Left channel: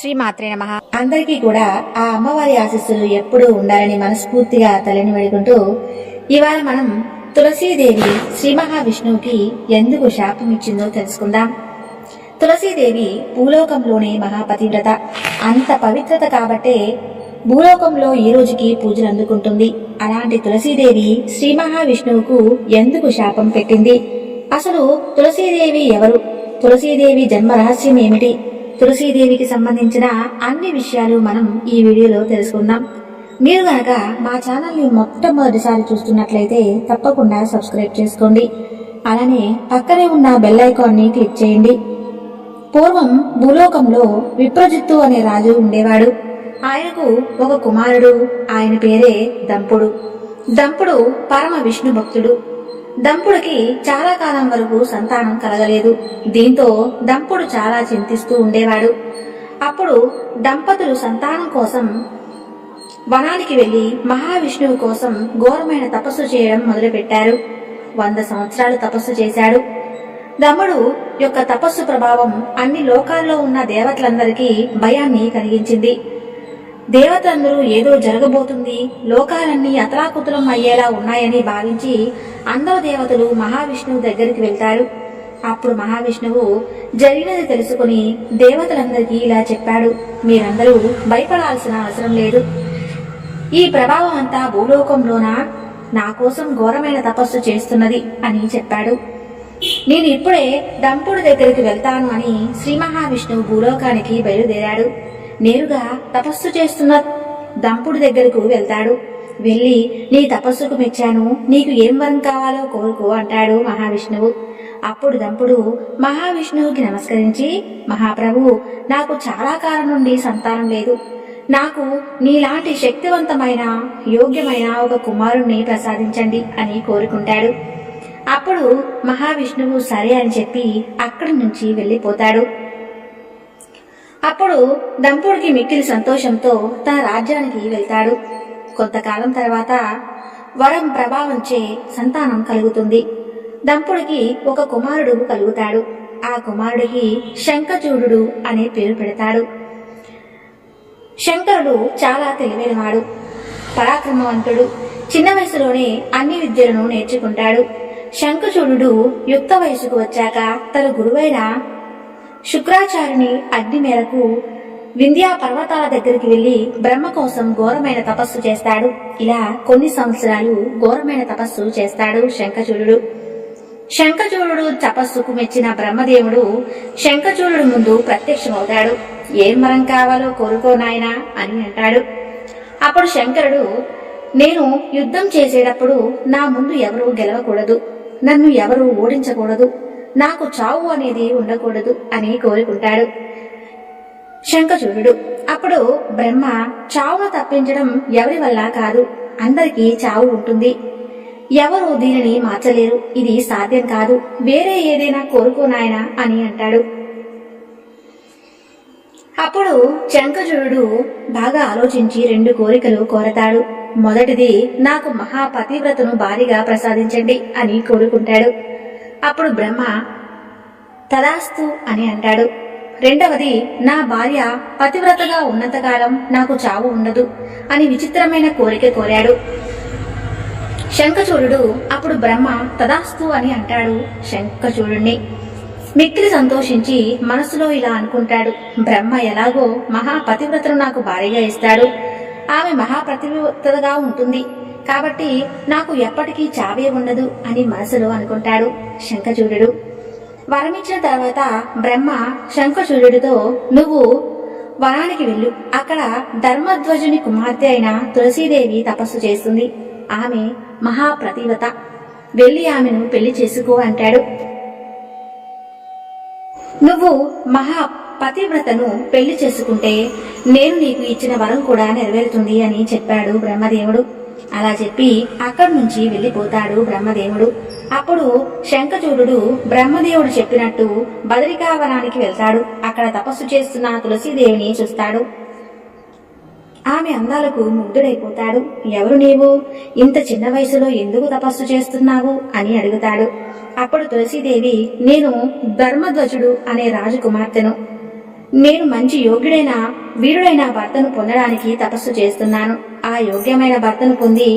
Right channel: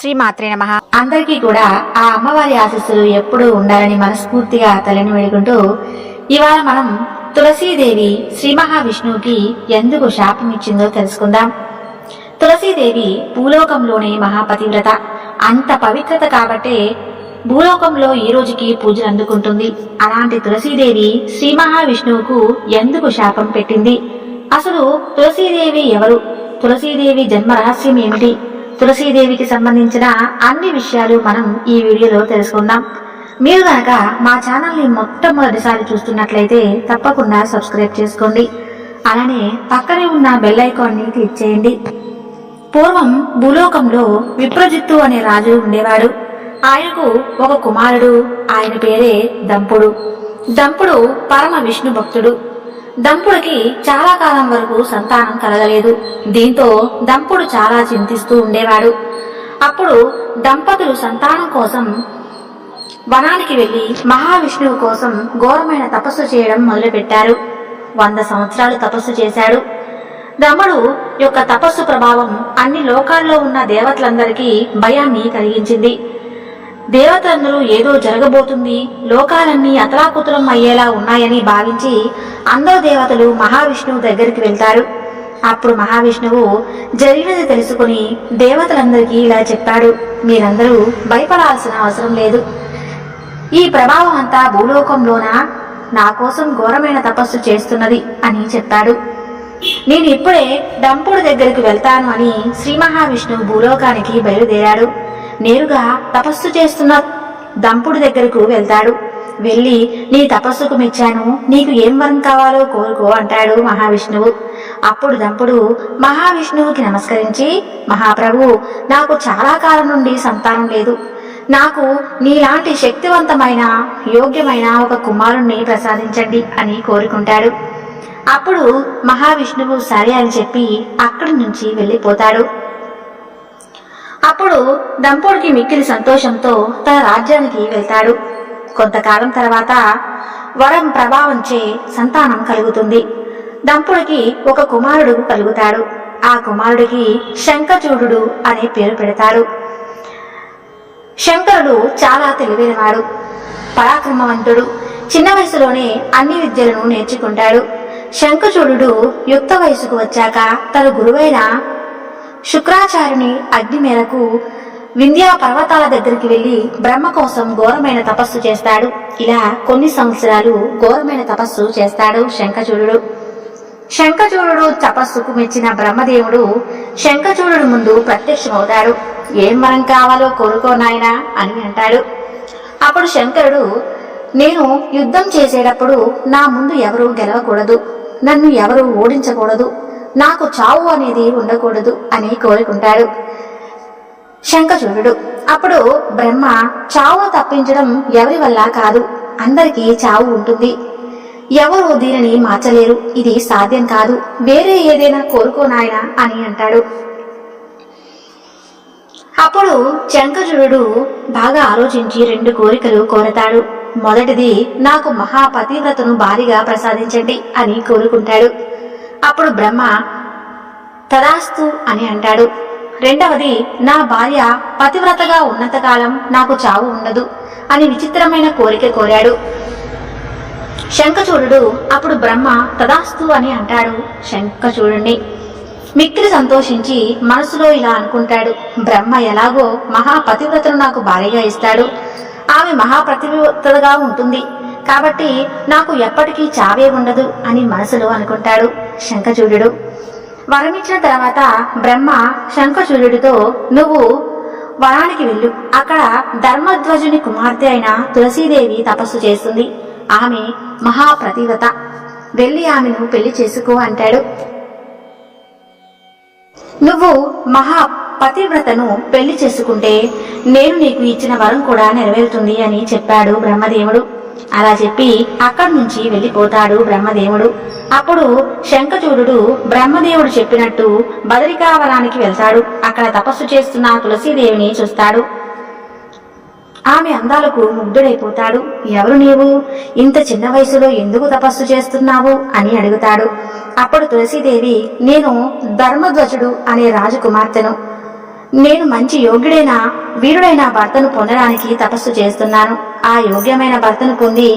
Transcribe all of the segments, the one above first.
శ్రీమాత్రే నమః. అందరికీ కూడా ఆ అమ్మవారి ఆశీస్సులు ఎప్పుడూ ఉండాలని మనస్ఫూర్తిగా తల్లిని వేడుకుంటూ ఇవాళ మనం తులసీదేవి శ్రీ మహావిష్ణువుకి ఎందుకు శాపం ఇచ్చిందో తెలుసుకుందాం. తులసీదేవి భూలోకంలోనే మహాపతివ్రత. అంత పవిత్రత కాబట్టే భూలోకంలో ఈ రోజుకి పూజలు అందుకుంటుంది. అలాంటి తులసీదేవి శ్రీ మహావిష్ణువుకు ఎందుకు శాపం పెట్టింది? అసలు తులసీదేవి ఎవరు? తులసీదేవి జన్మ రహస్యం ఏమిటి? తులసీదేవికి సంబంధించిన అన్ని విషయాలు మనం ఈ వీడియోలో తెలుసుకుందాం. మీరు గనక మా ఛానల్ని మొట్టమొదటిసారి చూస్తున్నట్లయితే తప్పకుండా సబ్స్క్రైబ్ చేసుకోండి. అలానే పక్కనే ఉన్న బెల్ ఐకాన్ని క్లిక్ చేయండి. పూర్వం భూలోకంలో విప్రజిత్తు అనే రాజు ఉండేవాడు. ఆయనకు ఒక కుమారుడు. ఆయన పేరే దంపుడు. దంపుడు పరమ విష్ణు భక్తుడు. దంపుడికి చాలా కాలం వరకు సంతానం కలగలేదు. దీంతో దంపుడు చాలా చింతిస్తూ ఉండేవాడు. అప్పుడు దంపతులు సంతానం కోసం వనానికి వెళ్లి మహావిష్ణువు కోసం ఘోరమైన తపస్సు చేయడం మొదలుపెట్టారు. 100 సంవత్సరాలు తపస్సు చేశాడు. దంపుడు యొక్క తపస్సు ప్రభావం అన్ని లోకాల్లో ఉన్న దేవతలందరికీ భయాన్ని కలిగించింది. దేవతలందరూ ఏదో జరగబోతుంది, లోకాలన్నీ అతలాకుతలం అయ్యేలా ఉన్నాయని భావించి అందరూ దేవతలు మహావిష్ణువు దగ్గరికి వెళ్తారు. అప్పుడు మహావిష్ణువు జరిగినది తెలుసుకుని దేవతలందరికీ ఇలా చెప్పాడు, మీరందరూ భయపడాల్సిన అవసరం లేదు. ఈ ప్రభావం అంతా భూలోకంలోనా నా కోసం ఘోరమైన తపస్సు చేస్తున్నది అని చెప్పాడు. నేను ఇప్పుడే దంపుడి దగ్గరికి వెళ్తాను అని శ్రీ మహావిష్ణువు భూలోకానికి బయలుదేరాడు. నేరుగా తపస్సు చేస్తున్న దంపుడి దగ్గరకు వెళ్తాడు. వెళ్ళి నీ తపస్సుకు మెచ్చాను, నీకు ఏం వరం కావాలో కోరుకో అంటాడు మహావిష్ణువు. అప్పుడు దంపుడు మహావిష్ణువుకి నమస్కరించి, మహాప్రభు, నాకు చాలా కాలం నుండి సంతానం లేదు. నాకు నీలాంటి శక్తివంతమైన యోగ్యమైన ఒక కుమారుణ్ణి ప్రసాదించండి అని కోరుకుంటాడు. అప్పుడు మహావిష్ణువు సరే అని చెప్పి అక్కడి నుంచి వెళ్ళిపోతాడు. అప్పుడు దంపుడికి మిక్కిలి సంతోషంతో తన రాజ్యానికి వెళ్తాడు. కొంతకాలం తర్వాత వరం ప్రభావంచే సంతానం కలుగుతుంది. దంపుడికి ఒక కుమారుడు కలుగుతాడు. ఆ కుమారుడికి శంఖచూడు అనే పేరు పెడతాడు. శంకరుడు చాలా తెలివైనవాడు, పరాక్రమవంతుడు. చిన్న వయసులోనే అన్ని విద్యలను నేర్చుకుంటాడు. శంఖచూడు యుక్త వయసుకు వచ్చాక తన గురువైన శుక్రాచార్యుని ఆజ్ఞ మేరకు వింధ్యా పర్వతాల దగ్గరికి వెళ్లి బ్రహ్మ కోసం ఘోరమైన తపస్సు చేస్తాడు. ఇలా కొన్ని సంవత్సరాలు ఘోరమైన తపస్సు చేస్తాడు శంఖచూడు. శంఖచూడు తపస్సుకు మెచ్చిన బ్రహ్మదేవుడు శంఖచూడు ముందు ప్రత్యక్షమవుతాడు. ఏం వరం కావాలో కోరుకో నాయనా అని అంటాడు. అప్పుడు శంకరుడు, నేను యుద్ధం చేసేటప్పుడు నా ముందు ఎవరు గెలవకూడదు, నన్ను ఎవరు ఓడించకూడదు, నాకు చావు అనేది ఉండకూడదు అని కోరుకుంటాడు శంఖచూడు. అప్పుడు బ్రహ్మ, చావును తప్పించడం ఎవరి వల్ల కాదు, అందరికీ చావు ఉంటుంది, ఎవరు దీనిని మార్చలేరు, ఇది సాధ్యం కాదు, వేరే ఏదైనా కోరుకో నాయనా అని అంటాడు. అప్పుడు శంఖచూడు బాగా ఆలోచించి 2 కోరికలు కోరతాడు. మొదటిది, నాకు మహాపతివ్రతను భారీగా ప్రసాదించండి అని కోరుకుంటాడు. అప్పుడు బ్రహ్మ తదాస్తు అని అంటాడు. రెండవది, నా భార్య పతివ్రతగా ఉన్నంతకాలం నాకు చావు ఉండదు అని విచిత్రమైన కోరిక కోరాడు శంఖచూడు. అప్పుడు బ్రహ్మ తదాస్తు అని అంటాడు. శంఖచూడుని మిక్కిలి సంతోషించి మనసులో ఇలా అనుకుంటాడు, బ్రహ్మ ఎలాగో మహాపతివ్రతను నాకు భార్యగా ఇస్తాడు, ఆమె మహాపతివ్రతగా ఉంటుంది కాబట్టి నాకు ఎప్పటికీ చావే ఉండదు అని మనసులో అనుకుంటాడు శంఖచూడు. వరమిచ్చిన తర్వాత బ్రహ్మ శంఖచూడుతో, నువ్వు వనానికి వెళ్ళు, అక్కడ ధర్మధ్వజుని కుమార్తె అయిన తులసీదేవి తపస్సు చేస్తుంది, ఆమె మహాపతివ్రత, వెళ్ళి ఆమెను పెళ్లి చేసుకో అంటాడు. నువ్వు మహాపతివ్రతను పెళ్లి చేసుకుంటే నేను నీకు ఇచ్చిన వరం కూడా నెరవేరుతుంది అని చెప్పాడు బ్రహ్మదేవుడు. అలా చెప్పి అక్కడి నుంచి వెళ్ళిపోతాడు బ్రహ్మదేవుడు. అప్పుడు శంఖచూడు బ్రహ్మదేవుడు చెప్పినట్టు బదరికావనానికి వెళ్తాడు. అక్కడ తపస్సు చేస్తున్న తులసీదేవిని చూస్తాడు. ఆమె అందాలకు ముగ్ధుడైపోతాడు. ఎవరు నీవు? ఇంత చిన్న వయసులో ఎందుకు తపస్సు చేస్తున్నావు అని అడుగుతాడు. అప్పుడు తులసీదేవి, నేను ధర్మధ్వజుడు అనే రాజకుమార్తెను, నేను మంచి యోగ్యుడైన వీరుడైన భర్తను పొందడానికి తపస్సు చేస్తున్నాను. ఆ యోగ్యమైన భర్తను పొంది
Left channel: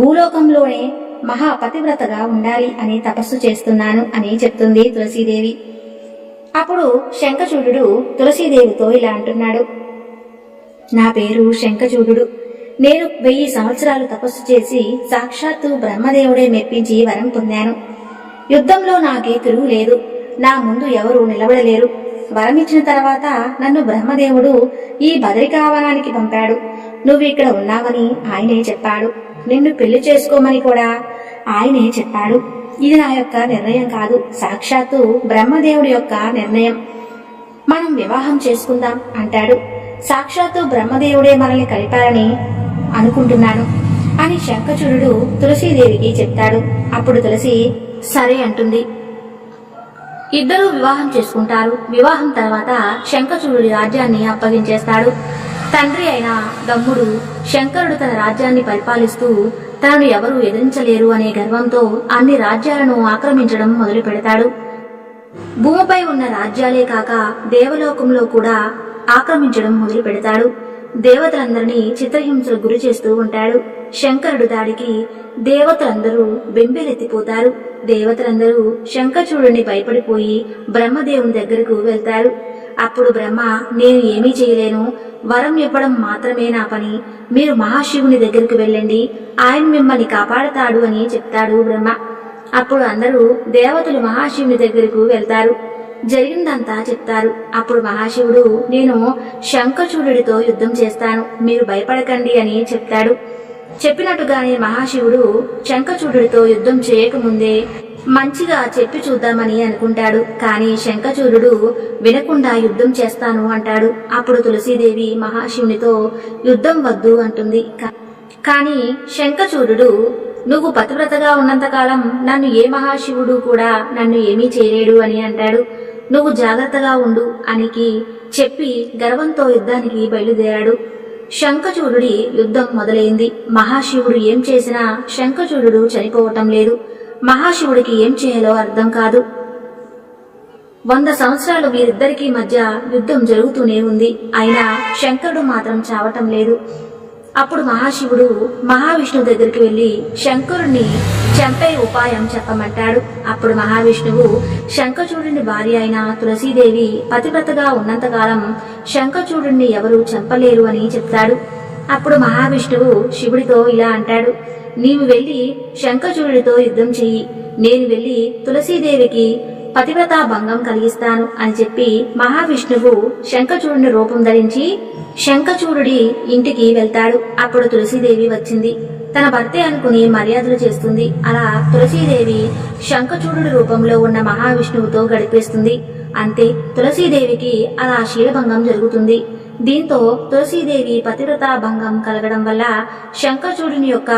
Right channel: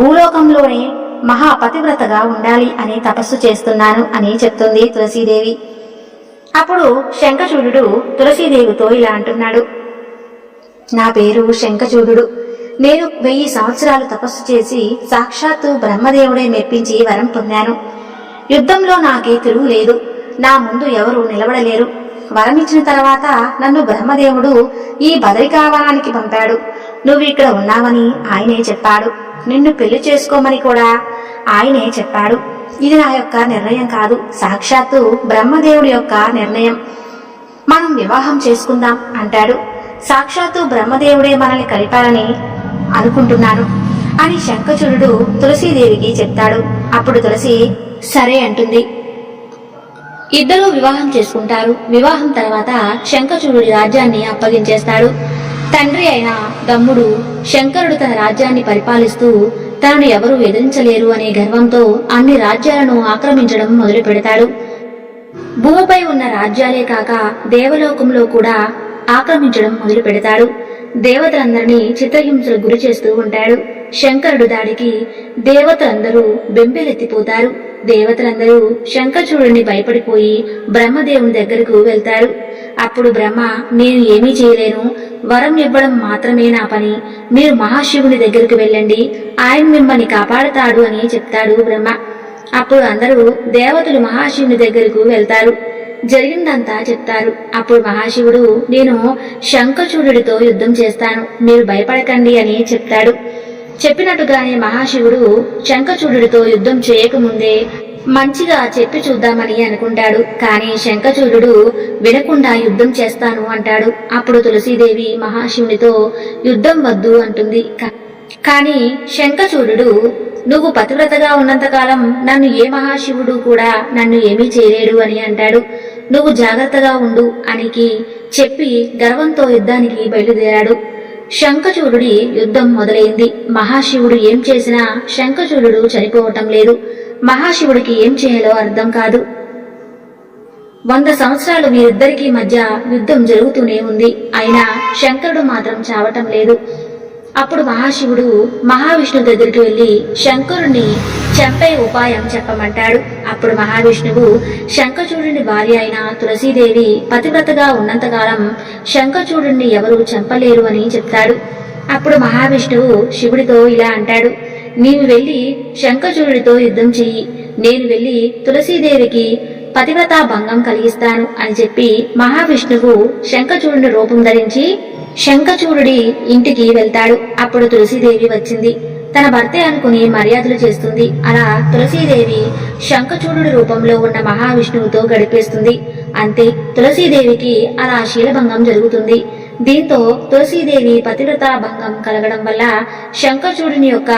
భూలోకంలోనే మహాపతివ్రతగా ఉండాలి అని తపస్సు చేస్తున్నాను అని చెప్తుంది తులసీదేవి. అప్పుడు శంఖచూడుడు తులసీదేవితో ఇలా అంటున్నాడు, నా పేరు శంఖచూడుడు. నేను 1000 సంవత్సరాలు తపస్సు చేసి సాక్షాత్తు బ్రహ్మదేవుడే మెప్పించి వరం పొందాను. యుద్ధంలో నాకే తిరుగులేదు. నా ముందు ఎవరూ నిలబడలేరు. వరమిచ్చిన తర్వాత నన్ను బ్రహ్మదేవుడు ఈ బదరికావనానికి పంపాడు. నువ్వు ఇక్కడ ఉన్నావని ఆయనే చెప్పాడు. నిన్ను పెళ్లి చేసుకోమని కూడా ఆయనే చెప్పాడు. ఇది నా యొక్క నిర్ణయం కాదు, సాక్షాత్తు బ్రహ్మదేవుడి యొక్క నిర్ణయం. మనం వివాహం చేసుకుందాం అంటాడు. సాక్షాత్తు బ్రహ్మదేవుడే మనల్ని కలిపారని అనుకుంటున్నాను అని శంఖచూడుడు తులసీదేవికి చెప్తాడు. అప్పుడు తులసి సరే అంటుంది. ఇద్దరూ వివాహం చేసుకుంటారు. వివాహం తర్వాత శంఖచూడుడి రాజ్యాన్ని అప్పగించేస్తాడు. తండ్రి అయిన దమ్ముడు శంకరుడు తన రాజ్యాన్ని పరిపాలిస్తూ తనను ఎవరూ ఎదిరించలేరు అనే గర్వంతో అన్ని రాజ్యాలను ఆక్రమించడం మొదలు పెడతాడు. భూమిపై ఉన్న రాజ్యాలే కాక దేవలోకంలో కూడా ఆక్రమించడం మొదలు పెడతాడు. దేవతలందరినీ చిత్రహింసలకు గురి చేస్తూ ఉంటాడు. శంకరుడు దాడికి దేవతలందరూ బెంబేలెత్తిపోతారు. దేవతలందరూ శంఖచూడుని భయపడిపోయి బ్రహ్మదేవుని దగ్గరకు వెళ్తారు. అప్పుడు బ్రహ్మ, నేను ఏమీ చేయలేను, వరం ఇవ్వడం మాత్రమే నా పని. మీరు మహాశివుని దగ్గరకు వెళ్ళండి, ఆయన మిమ్మల్ని కాపాడతాడు అని చెప్తాడు బ్రహ్మ. అప్పుడు అందరూ దేవతలు మహాశివుని దగ్గరకు వెళ్తారు. జరిగిందంతా చెప్తారు. అప్పుడు మహాశివుడు, నేను శంఖచూడుడితో యుద్ధం చేస్తాను, మీరు భయపడకండి అని చెప్తాడు. చెప్పినట్టుగానే మహాశివుడు శంఖచూడుడితో యుద్ధం చేయకముందే మంచిగా చెప్పి చూద్దామని అనుకుంటాడు. కానీ శంఖచూడుడు వినకుండా యుద్ధం చేస్తాను అంటాడు. అప్పుడు తులసీదేవి మహాశివునితో యుద్ధం వద్దు అంటుంది. కానీ శంఖచూడుడు, నువ్వు పతివ్రతగా ఉన్నంతకాలం నన్ను ఏ మహాశివుడు కూడా నన్ను ఏమీ చేయలేడు అని అంటాడు. నువ్వు జాగ్రత్తగా ఉండు అనికి చెప్పి గర్వంతో యుద్ధానికి బయలుదేరాడు. శంఖచూడుడి యుద్ధం మొదలైంది. మహాశివుడు ఏం చేసినా శంఖచూడుడు చనిపోవటం లేదు. మహాశివుడికి ఏం చేయాలో అర్థం కాదు. 100 సంవత్సరాలు వీరిద్దరికీ మధ్య యుద్ధం జరుగుతూనే ఉంది. అయినా శంకరుడు మాత్రం చావటం లేదు. అప్పుడు మహాశివుడు మహావిష్ణు దగ్గరికి వెళ్లి శంకరుణ్ణి చంపే ఉపాయం చెప్పమంటాడు. అప్పుడు మహావిష్ణువు శంఖచూడుని భార్య అయిన తులసీదేవి పతివ్రతగా ఉన్నంతకాలం శంఖచూడుని ఎవరూ చంపలేరు అని చెప్తాడు. అప్పుడు మహావిష్ణువు శివుడితో ఇలా అంటాడు, నీవు వెళ్లి శంఖచూడుడితో యుద్ధం చెయ్యి, నేను వెళ్లి తులసీదేవికి పతివ్రతా భంగం కలిగిస్తాను అని చెప్పి మహావిష్ణువు శంఖచూడుని రూపం ధరించి శంఖచూడుడి ఇంటికి వెళ్తాడు. అప్పుడు తులసీదేవి వచ్చింది. తన భర్తే అనుకుని మర్యాదలు చేస్తుంది. అలా తులసీదేవి శంఖచూడుడి రూపంలో ఉన్న మహావిష్ణువుతో గడిపేస్తుంది. అంతే, తులసీదేవికి అలా శీలభంగం జరుగుతుంది. దీంతో తులసీదేవి పతివ్రతా భంగం కలగడం వల్ల శంఖచూడుని యొక్క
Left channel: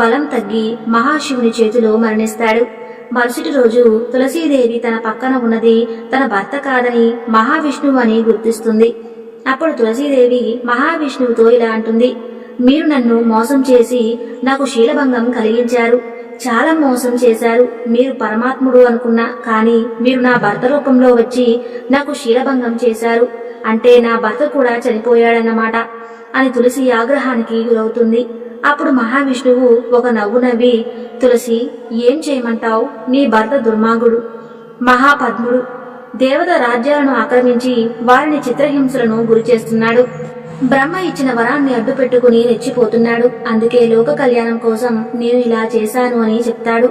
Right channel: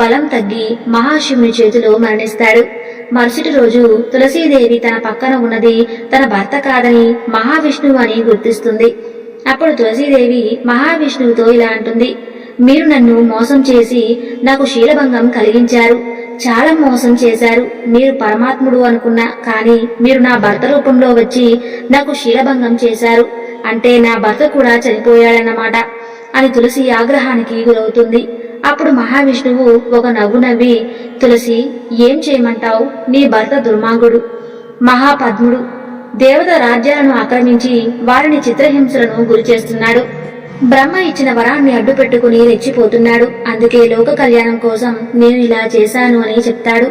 బలం తగ్గి మహాశివుని చేతిలో మరణిస్తాడు. మరుసటి రోజు తులసీదేవి తన పక్కన ఉన్నది తన భర్త కాదని మహావిష్ణువు అని గుర్తిస్తుంది. అప్పుడు తులసీదేవి మహావిష్ణువుతో ఇలా అంటుంది, మీరు నన్ను మోసం చేసి నాకు శీలభంగం కలిగించారు, చాలా మోసం చేశారు. మీరు పరమాత్ముడు అనుకున్నా, కానీ మీరు నా భర్త రూపంలో వచ్చి నాకు శీలభంగం చేశారు. అంటే నా భర్త కూడా చనిపోయాడన్నమాట అని తులసి ఆగ్రహానికి గురవుతుంది. అప్పుడు మహావిష్ణువు ఒక నవ్వు నవ్వి, తులసి, ఏం చేయమంటావు? నీ భర్త దుర్మార్గుడు, మహాపద్ముడు, దేవత రాజ్యాలను ఆక్రమించి వారిని చిత్రహింసలను గురిచేస్తున్నాడు. బ్రహ్మ ఇచ్చిన వరాన్ని అడ్డు పెట్టుకుని రెచ్చిపోతున్నాడు. అందుకే లోక కళ్యాణం కోసం నేను ఇలా చేశాను అని చెప్తాడు.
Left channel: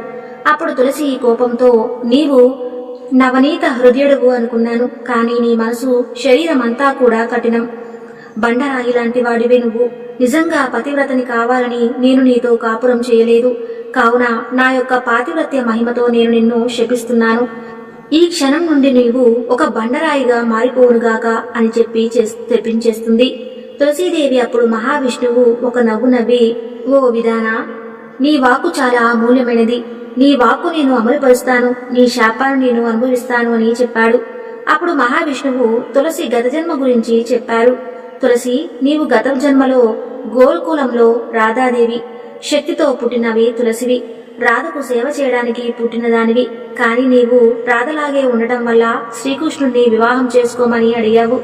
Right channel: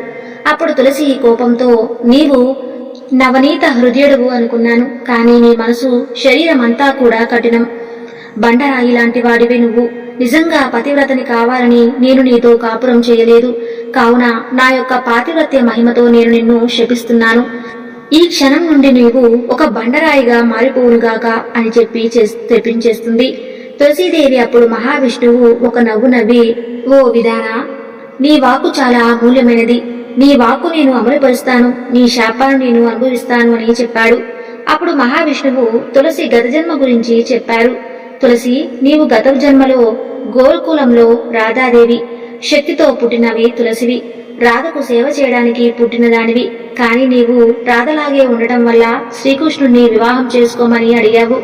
అప్పుడు తులసి కోపంతో, నీవు నవనీత హృదయుడువు అనుకున్నాను, కానీ నీ మనసు శరీరమంతా కూడా కఠినం, బండరాయి లాంటి వాడివే నువ్వు. నిజంగా పతివ్రతని కావాలని నేను నీతో కాపురం చేయలేదు. కావున నా యొక్క పాతివ్రత్య మహిమతో నేను నిన్ను శపిస్తున్నాను. ఈ క్షణం నుండి నీవు ఒక బండరాయిగా మారిపోవునుగాక అని చెప్పి తెప్పించేస్తుంది. తులసీదేవి అప్పుడు మహావిష్ణువు ఒక నవ్వు నవ్వి, ఓ విధాన, నీ వాక్కు చాలా అమూల్యమైనది, నీ వాక్కు నేను అమలుపరుస్తాను, నీ శాపాన్ని నేను అనుభవిస్తాను అని చెప్పాడు. అప్పుడు మహావిష్ణువు తులసి గత జన్మ గురించి చెప్పారు. తులసి, నీవు గత జన్మలో గోకులంలో రాధాదేవి శక్తితో పుట్టినవి తులసివి. రాధకు సేవ చేయడానికి పుట్టిన దానివి. కానీ నీవు రాధలాగే ఉండటం వల్ల శ్రీకృష్ణుడిని వివాహం చేసుకోమని అడిగావు.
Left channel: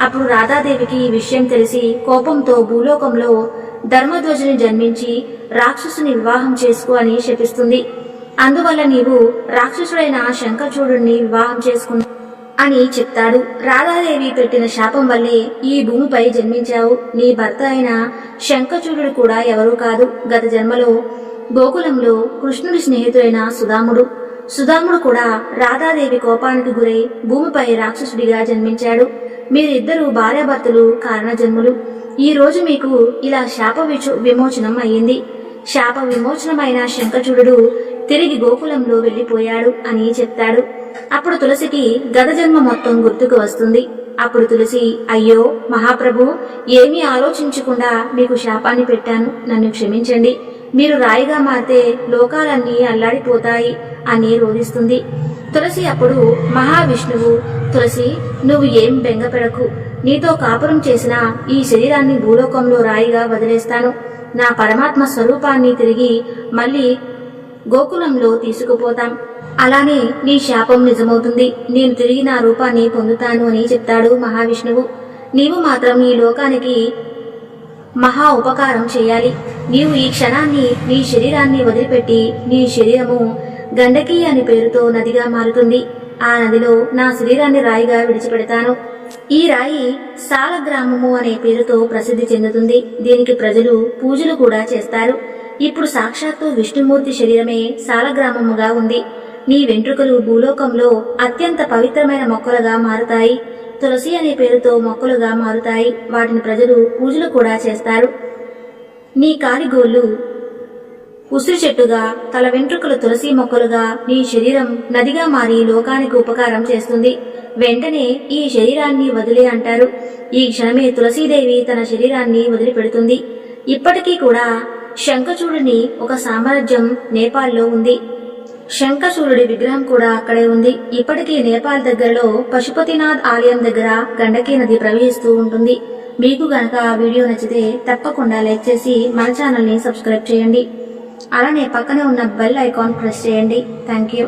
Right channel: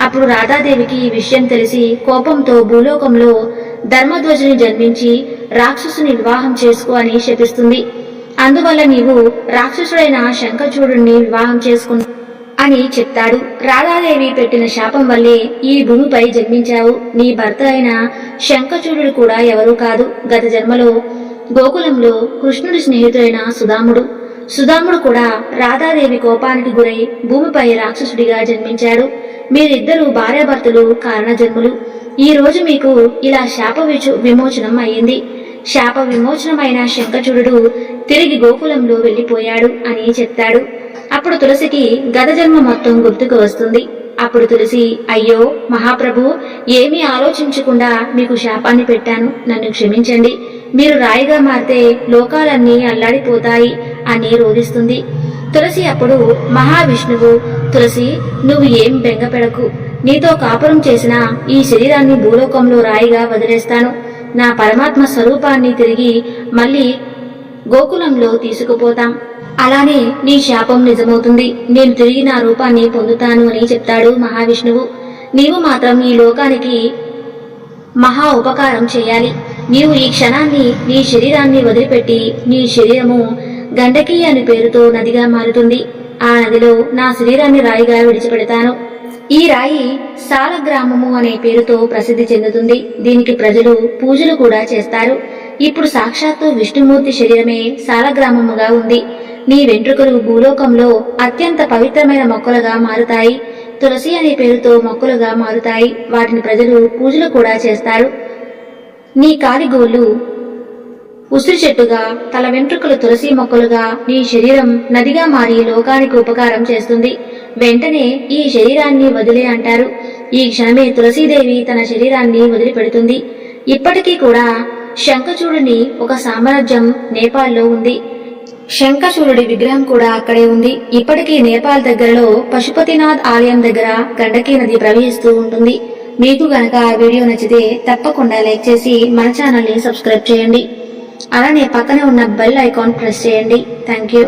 అప్పుడు రాధాదేవికి ఈ విషయం తెలిసి కోపంతో భూలోకంలో ధర్మధ్వజుని జన్మించి రాక్షసుని వివాహం చేసుకో అని శపిస్తుంది. అందువల్ల నీవు రాక్షసుడైన శంఖచూడుని వివాహం చేసుకున్నా అని చెప్తాడు. రాధాదేవి పెట్టిన శాపం వల్లే ఈ భూమిపై జన్మించావు. నీ భర్త అయిన శంఖచూడు కూడా ఎవరూ కాదు. గత జన్మలో గోకులంలో కృష్ణుడి స్నేహితుడైన సుధాముడు కూడా రాధాదేవి కోపానికి గురై భూమిపై రాక్షసుడిగా జన్మించాడు. మీరిద్దరూ భార్యాభర్తలు కారణ జన్ములు. ఈ రోజు మీకు ఇలా శాప విమోచనం అయ్యింది. శాప విమోచనమైన శంఖచూడు తిరిగి గోకులంలో వెళ్లిపోయాడు అని చెప్తాడు. అప్పుడు తులసికి గత జన్మ మొత్తం గుర్తుకు వస్తుంది. అప్పుడు తులసి, అయ్యో మహాప్రభు, ఏమీ ఆలోచించకుండా మీకు శాపాన్ని పెట్టాను, నన్ను క్షమించండి. మీరు రాయిగా మారితే లోకాలన్నీ అల్లాడిపోతాయి అని రోధిస్తుంది. తులసి అప్పుడు మహావిష్ణువు, తులసి, నువ్వు ఏం బెంగపెడకు. నీతో కాపురం చేసిన ఈ శరీరాన్ని భూలోకంలో రాయిగా వదిలేస్తాను. నా పరమాత్మ స్వరూపాన్ని తిరిగి మళ్ళీ గోకులంలో తీసుకుపోతాం. అలానే నీ శాపం నిజమవుతుంది. నేను తిరిగి నా రూపాన్ని పొందుతాను అని చెప్తాడు మహావిష్ణువు. నీవు మాత్రం ఈ లోకానికి మహా ఉపకారం చేయాలి. నీవు ఈ క్షణాన్ని నీ శరీరాన్ని వదిలిపెట్టి నీ శరీరము గండకీ అని పేరుతో నదిగా మారుతుంది. ఆ నదిలో నా శరీరాన్ని రాయిగా విడిచిపెడతాను. ఈ రాయి సాలగ్రామము అనే పేరుతో ప్రసిద్ధి చెందుతుంది. దీనికి ప్రజలు పూజలు కూడా చేస్తారు. ఇప్పుడు సాక్షాత్తు విష్ణుమూర్తి శరీరమే సాలగ్రామముగా ఉంది. నీ వెంట్రుకలు భూలోకంలో అత్యంత పవిత్రమైన మొక్కలుగా మారుతాయి. తులసి అనే పేరుతో మొక్కలుగా మారుతాయి. వాటిని ప్రజలు పూజలు కూడా చేస్తారు. నీ కాలిగోళ్లు ఉసిరి చెట్టుగా, తల వెంట్రుకలు తులసి మొక్కలుగా, నీ శరీరం నదిగా మారి లోకానికి ఉపకారం చేస్తుంది. వెంటనే ఈ శరీరాన్ని వదిలే అంటారు. ఈ క్షణమే తులసీదేవి తన శరీరాన్ని వదిలిపెడుతుంది. ఇప్పటికీ కూడా శంఖచూడుని ఒక సామ్రాజ్యం నేపాల్లో ఉంది. శంఖచూడుడి విగ్రహం కూడా అక్కడే ఉంది. ఇప్పటికీ నేపాల్ దగ్గరలో పశుపతినాథ్ ఆలయం దగ్గర గండకీ నది ప్రవహిస్తూ ఉంటుంది. మీకు గనక ఆ వీడియో నచ్చితే తప్పకుండా లైక్ చేసి మన ఛానల్ని సబ్స్క్రైబ్ చేయండి. అలానే పక్కనే ఉన్న బెల్ ఐకాన్ ప్రెస్ చేయండి. Thank you.